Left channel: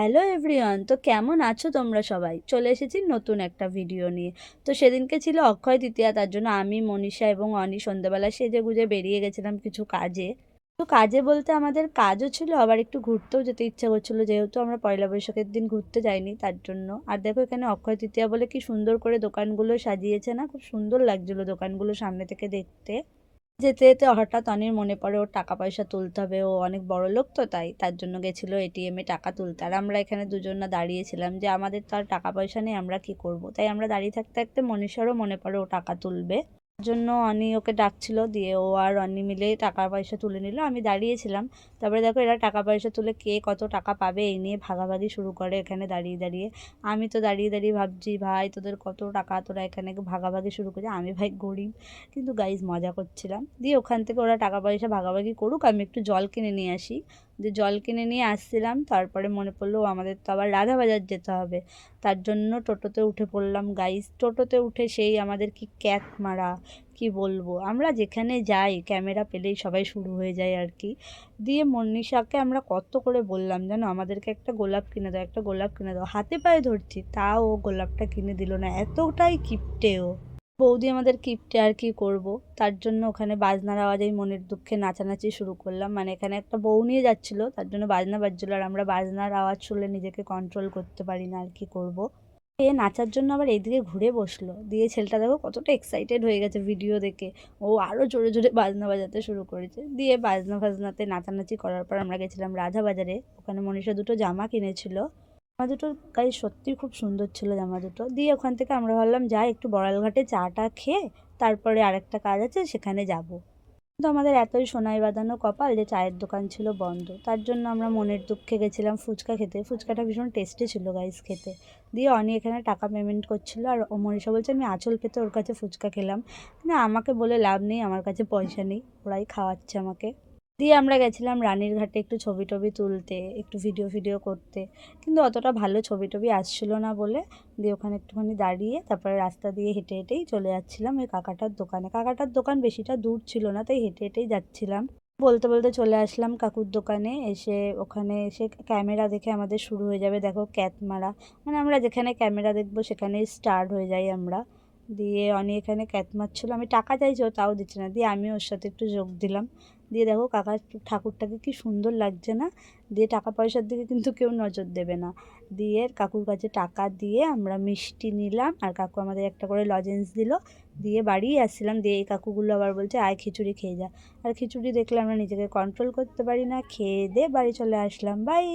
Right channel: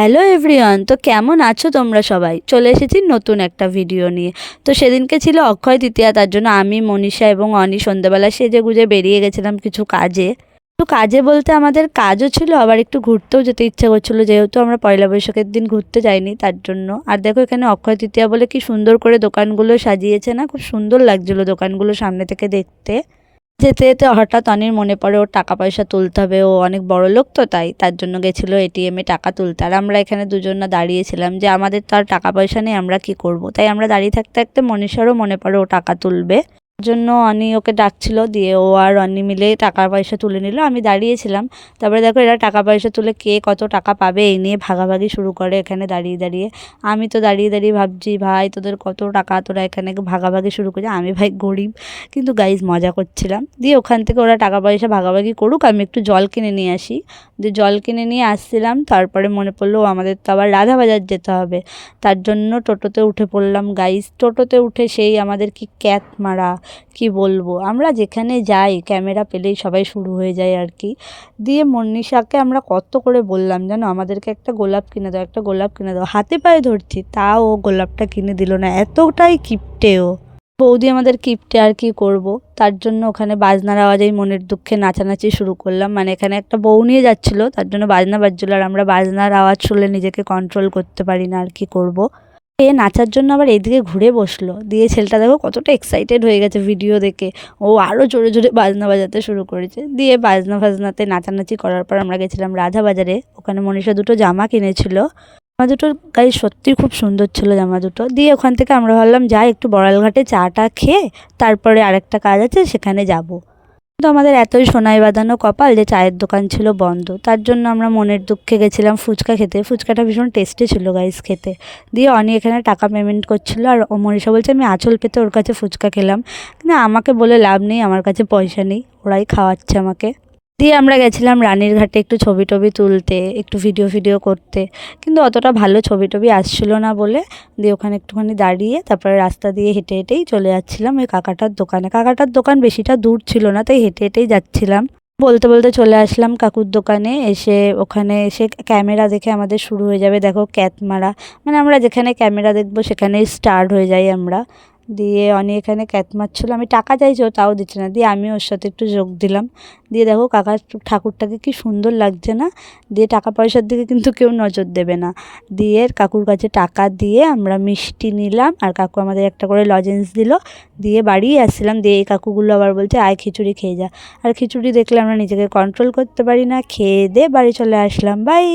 Hello everyone, তো কেমন আছো তোমরা সবাই? চলে এসেছি নতুন একটা ভিডিও নিয়ে। তো সেদিনকে ছিল অক্ষয় তৃতীয়া, তার জন্য আমি, মনীষা এবং অনি সন্ধ্যাবেলা সেজে গুজে বেরিয়ে গেছিলাম কিছু কাজে। তো কাজে বলতে আমাদের কাজও ছিল, আবার একটু ঘুরতেও যেতে ইচ্ছা করছিলো, যেহেতু আমরা পয়লা বৈশাখের দিন ঘুরতে যাইনি তার জন্য। আর দেখো এখানে অক্ষয় তৃতীয়া বলে কি সুন্দর করে দোকানগুলো সাজিয়েছে না, খুব সুন্দর লাগছিলো দোকানগুলো সামনে থেকে দেখতে। যেতে যেতে হঠাৎ অনির মনে পড়ে ওর টাকা পয়সা তুলতে হবে, ও অনেক বড় লোক, তো তাই তার জন্য গেছিলো এটিএমে টাকা তুলতে। আর আমরা এখানে দুজন না দাঁড়িয়েছিলাম যে আমাদের তো আর টাকা পয়সা নেই, আমরা কি করব। তাই আমরা দাঁড়িয়ে থাকতে থাকতে মনীষারও মনে পড়ে ও টাকা তুলবে, জন্য অনি ওকে ডাকছিল, দিয়ে ও আর অনি মিলে টাকা পয়সা তুলে নিল, আমি দাঁড়িয়েছিলাম। তারপরে দেখো এরা টাকা পয়সা তুলে কে কত টাকা পাবে এই নিয়ে ভাগাভাগি শুরু করে এখানে দাঁড়িয়ে দাঁড়িয়ে। আমি তো দাঁড়িয়ে দাঁড়িয়ে ভাবছি, ভাই তোদের কত টাকা, তোরা এখানে ভাগাভাগি শুরু করে। আমি ভাই গরিব, কিন্তু গাইজ মজা করছিলাম। দিয়ে ওখান থেকে ওরা টাকা পয়সা ভাগাভাগি করুক, আমি একটু জল কিনে নিয়ে আসি। দিয়ে জল কিনে নিয়ে আসছিলাম, তারপরে মনে পড়লো আমাদের তো আবার রাধাবাজার যেতে হবে। তার জন্য টোটোতে উঠে পড়লাম গাইজ। টোটোতে উঠে সেই আমাদের কি ক্যাত মারা, কি বলবো, আমরা যেখানে যাই ক্যামেরা পেলেই সবাই শুরু হয়ে যায় আর কি। দিয়ে মনীষাকে আমরা কত করে বললাম জানো, আমাদেরকে একটা গোলাপ কিনে দাও, একটা গোলাপ কিনে দাও, হাতে পায়ে ধরছি, তাও ও গোলাপটা কিনে দিল না, এতটাই কিপটে ও। বৌদি আমাদের কিপটে, আর কি করব। তার জন্য ওখানে বাজনার আওয়াজেই মনের দুঃখে নাচানাচি শুরু করলাম, মানে এখানে একটা বউ নিয়ে যাচ্ছিলো তার জন্য বাজনা বাজছিল, আর আমরা বাজনার আওয়াজ শুনলে নিজেকে কন্ট্রোল করতে পারি না, আর কি করব। এ নাচার জন্য আবার এইদিকে ঘুরে বসলো, দিয়ে ছেলেটা দেখো কতটা এক্সাইটেড হয়ে গেছে ভিডিও দেখে, ও আরও জোরে জোরে বাজনা বাজাতে শুরু করেছে। দিয়ে বাজনা ফাজনাতে নাচানাচি করার পর আমরা গেছিলাম রাধা বাজারে, ওখানে মনীষা দুটো জামা কিনেছিল। জামা দুটোর গায়ে সত্যিই খুব সুন্দর ছিল জামা দুটো। দিয়ে ওখান থেকে আমরা ভাবলাম যাই একটু বড়ালঘাটে চাটা খেয়ে তারপরে আরেকটা কাজ আছে সেখানে যাব। কিন্তু আমাদের এতই সোনায় বাঁধানো কপাল যে চায়ের দোকান ছিল বন্ধ, তার জন্য আমরা মনের দুঃখে গেছিলাম ফুচকা খেতে। ফুচকাটা ভীষণ টেস্টি ছিল গাইস খেতে। দিয়ে অনি এখানে টাকা পেমেন্ট করছিল, আর ও মনীষা বলছে আমি আঁচল পেতে ওর কাছে ফুচকা খেলাম। কিন্তু আমাকে বলে লাভ নেই, আমার কাছে পয়সা নেই, ওরাই খাওয়াচ্ছে আমাকে। দিয়ে আমরা গেছিলাম রানীর ঘাটে একটু ছবি টবি তুলতে, একটু ভিডিও করতে, কিন্তু অতটা ভালো ছবি টবি আসছিল না বলে দিয়ে ওখানে একটুখানি দাঁড়িয়ে তারপরে রাস্তা দিয়ে হেঁটে হেঁটেই চলে যাচ্ছিলাম ওই কাকাটার দোকানে। কাকাটার দোকান বেশিটা দূর ছিল না, তাই হেঁটে হেঁটেই যাচ্ছিলাম। বলতে বলতে চলে আসলাম কাকুর দোকানে। এসে ওখানে এসে ক্যামেরা দেখে আমাদের শুরু হয়ে যাবে দেখো ক্যাত মারা, মানে আমরা যেখানে ক্যামেরা দেখবো সেখানেই স্টার্ট হয়ে যাই আমরা। দিয়ে অনি এখানে ক্যাত মারছিল, আমি টাকা চাইছি, ও তাও দিচ্ছে না, দিয়ে আমি ওর সাথে একটু যোগ দিলাম। দিয়ে দেখো কাকার ঠাকুরটাকে কি সুন্দর লাগছে না। দিয়ে টাকা পয়সার দিকে কিন্তু কেউ নজর দেবে না। দিয়ে কাকুর কাছে টাকা দিয়ে আমরা মিষ্টি নিলাম, আর কাকু আমাদের একটা করে লজেন্স দিল। দিয়ে বাড়ি আসছিলাম, দিয়ে এই কাকুগুলো আবার বলছে আয় খিচুড়ি খেয়ে যা। আর খিচুড়ি দেখলে আমরা নিজেকে কন্ট্রোল করতে পারি না, খেয়ে দিয়ে বাড়ি চলে আসলাম, বাই।